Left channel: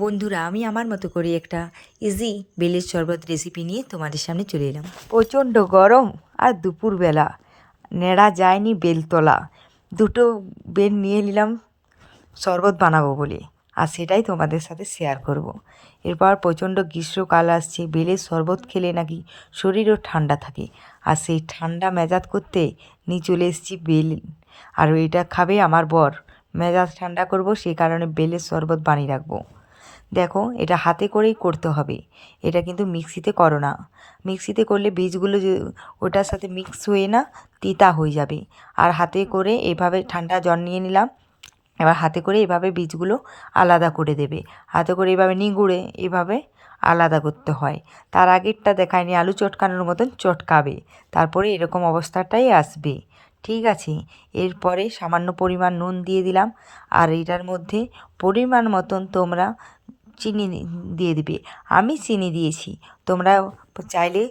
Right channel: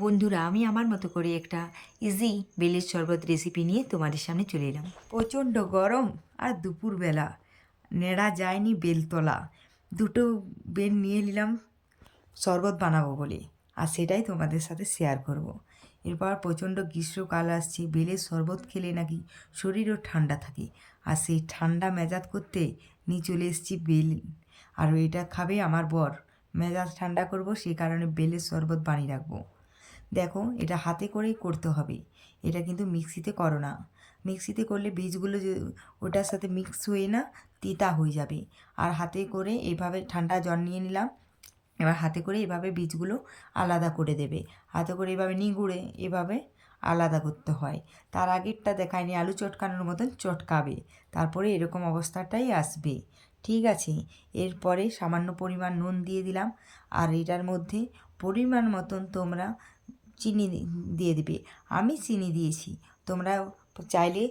বন্ধুরা, আমি আমার মতো করে একটা ইজি বেলের শরবত রেসিপি নিয়ে তোমাদের সামনে চলে এলাম। প্রচণ্ড গরম আর দুপুরবেলা নেড়া যায়নি বেলতলা, দুটো বেল নিয়ে নিলাম শরবত বানাবো বলে, আর সেটাই তোমাদের সাথে শেয়ার করব। এরপর প্রচণ্ড গ্রীষ্মকাল আসছে, বেলের শরবত খেলে নাকি শরীরও ঠান্ডা থাকে, আর সেই ঠান্ডা মেজাজ করতে নিয়ে চলে এসেছি বেল। আর এটা খাবে আমার বর, মেজাজ ঠান্ডা করব সেই কারণে বেলের শরবত বানিয়ে রাখবো। দেখো, এটা হাতে করেই করতে হবে, এটা কিন্তু মিক্সিতে করো না। মিক্সিতে করলে বীজগুলো ওটার সাথে মিক্স হয়ে না তিতা হয়ে যাবে। আর হাতে করে এভাবে ঠান্ডা জল নিয়ে নিলাম, এবার হাতে করে এভাবে বীজগুলো আলাদা করে দেবে। হাতে করে এভাবে নিগুড়ে এভাবে আলাদা করতে হয়। তার আগেরটা দেখায়নি, আলু চটকানোর মতন চটকাবে, তারপরে এরকম অবস্থাটাই আসবে। ঠিক আছে, এরপরে সামান্য পরিমাণ নুন দিয়ে দিলাম, আর এটার মধ্যে পরিমাণ মতন তোমরা চিনি দিয়ে দিবে। আমি চিনি দিয়েছি, তোমরা চাইলে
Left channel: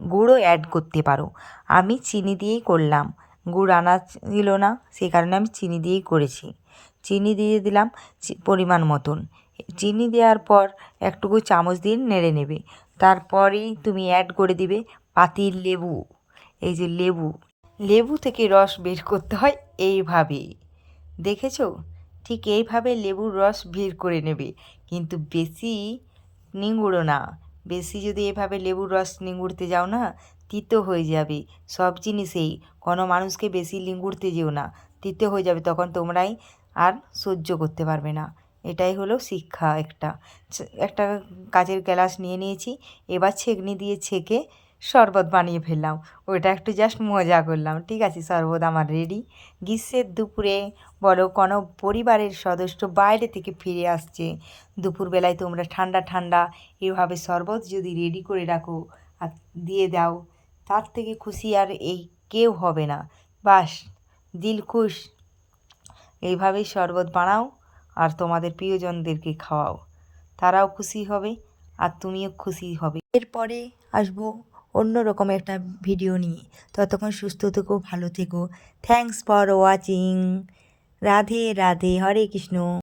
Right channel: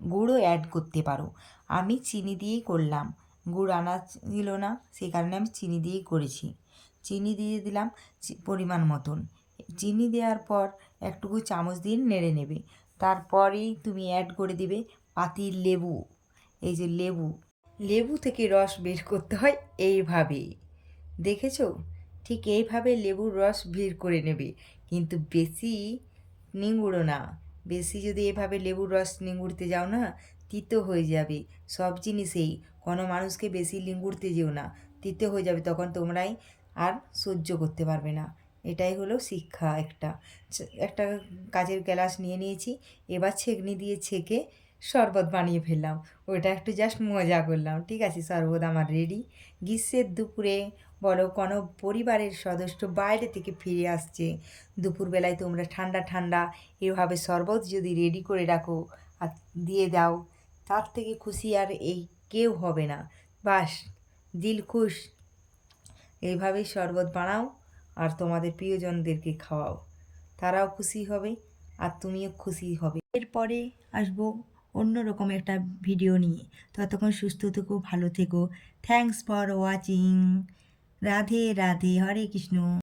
গুঁড়ও অ্যাড করতে পারো। আমি চিনি দিয়েই করলাম, গুড় আনা ছিল না, সেই কারণে আমি চিনি দিয়েই করেছি। চিনি দিয়ে দিলাম পরিমাণ মতন। চিনি দেওয়ার পর একটুকু চামচ দিয়ে নেড়ে নেবে। তারপরেই তুমি অ্যাড করে দিবে পাতির লেবু। এই যে লেবু, লেবু থেকে রস বের করতে হয় এইভাবে, দেখেছো? ঠিক এইভাবে লেবুর রস বের করে নেবে, কিন্তু বেশি নিংড়ো না। বেশি যদি এভাবে লেবুর রস নিংড়তে যাও না, তিতো হয়ে যাবে। সব জিনিসেই কোনো মানুষকে বেশি নিংড়তে যেও না, তিতো হয়ে যাবে, তখন তোমরাই আর সহ্য করতে পারবে না। এটাই হলো শিক্ষা। একটা কাচের গ্লাস নিয়ে নিয়েছি, এবার ছেঁকনি দিয়ে ছেঁকে শরবত বানিয়ে ফেললাম। ওইটা একটু জাস্ট মজা করলাম। ঠিক আছে, শরবত আমার রেডি। গ্রীষ্মের দুপুরে বলো, কোনো পরিবারের সদস্য বাইরে থেকে ফিরে আসছে, দুপুরবেলায় তোমরা ঠান্ডা ঠান্ডা এভাবে শরবত যদি রেডি করে রাখো আর দিয়ে দাও, তার থেকে খুশি আর এই কেউ হবে না। বাস, দিল খুশ। এইভাবেই শরবত বানাও আর তোমাদের প্রিয়জনদেরকে খাওয়াও, তারাও খুশি হবে আর তুমিও খুশি হবে। এরপরে আসবো অন্য রকম একটা ভিডিও নিয়ে। ততক্ষণ সুস্থ থেকো, ভালো থেকো। Thanks for watching. Radhe Radhe, Hare Krishna.